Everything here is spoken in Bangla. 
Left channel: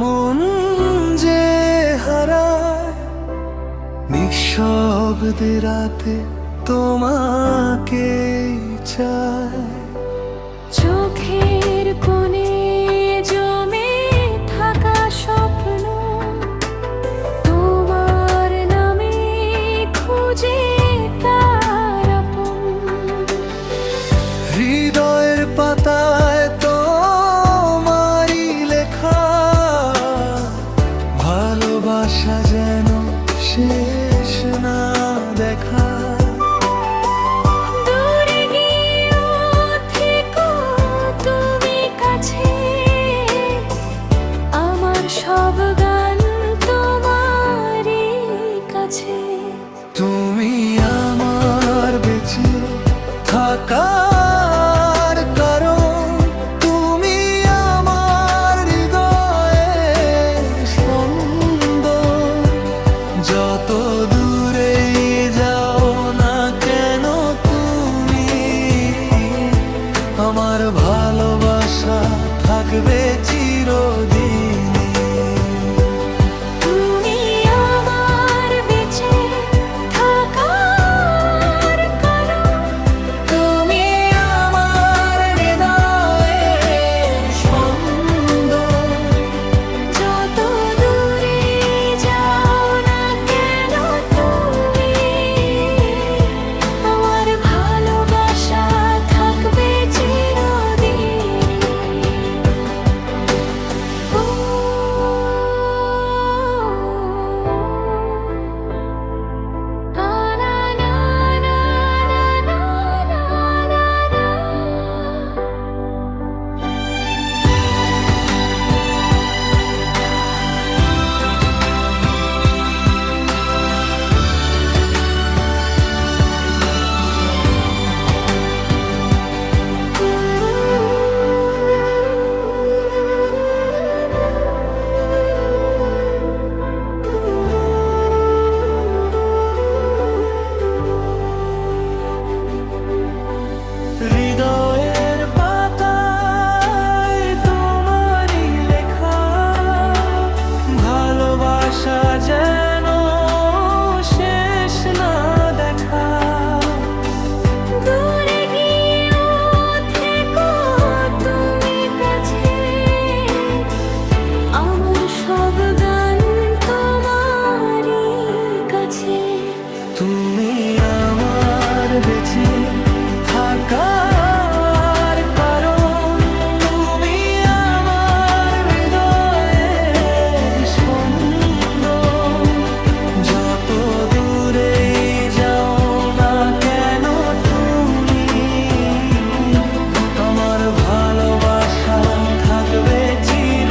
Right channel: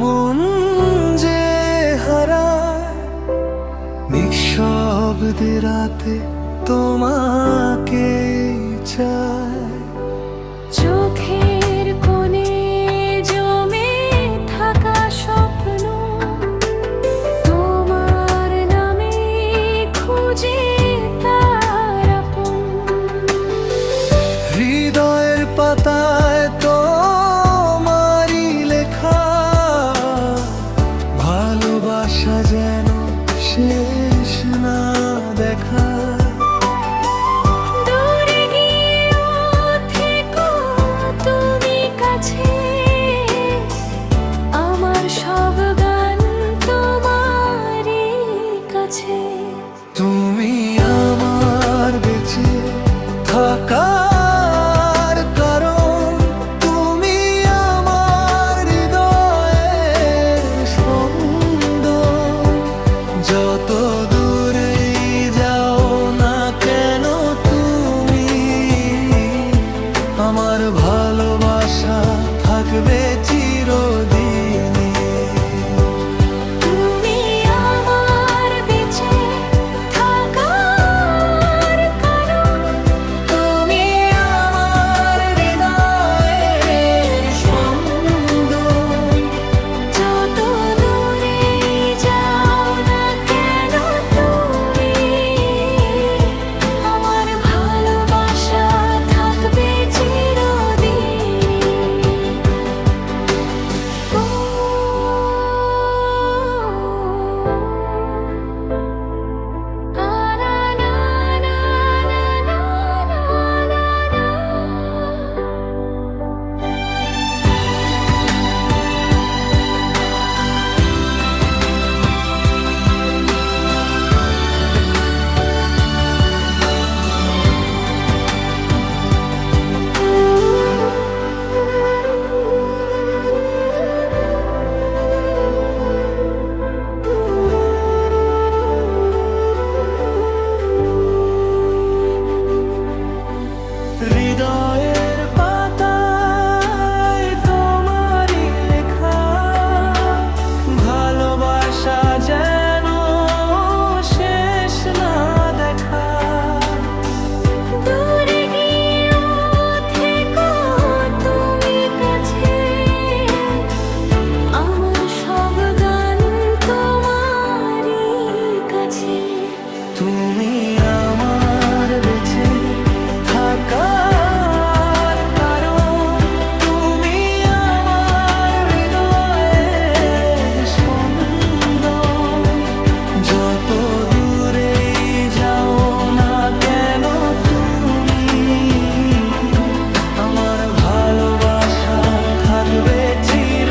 মন যে হারায় নিঃশব্দে রাতে তোমাকে চায়। চোখের কোণে জমে থাকা স্বপ্ন তোমার নামে খুঁজে তার আপন। হৃদয়ের পাতায় তোমারই লেখা ভালোবাসা যেন শেষ না দেখা। দূরে গিয়েও থেকো তুমি কাছে, আমার সব গান তোমারই কাছে। তুমি আমার বেঁচে থাকার কারণ, তুমি আমার হৃদয়ের স্পন্দন। যত দূরেই যাও না কেন তুমি, আমার ভালোবাসা থাকবে চিরদিনই। তুমি আমার বেঁচে থাকার কারণ, তুমি আমার হৃদয়ের স্পন্দন। যত দূরে যাও না কেন তুমি, আমার ভালোবাসা থাকবে চিরদিন। ও না না না না না না না না। হৃদয়ের পাতায় তোমারই লেখা ভালোবাসা যেন শেষ না দেখা। দূরে গিয়েও থেকো তুমি কাছে, আমার সব গান তোমারই কাছে। তুমি আমার বেঁচে থাকার কারণ, তুমি আমার হৃদয়ের স্পন্দন। যত দূরেই যাও না কেন তুমি, আমার ভালোবাসা থাকবে চির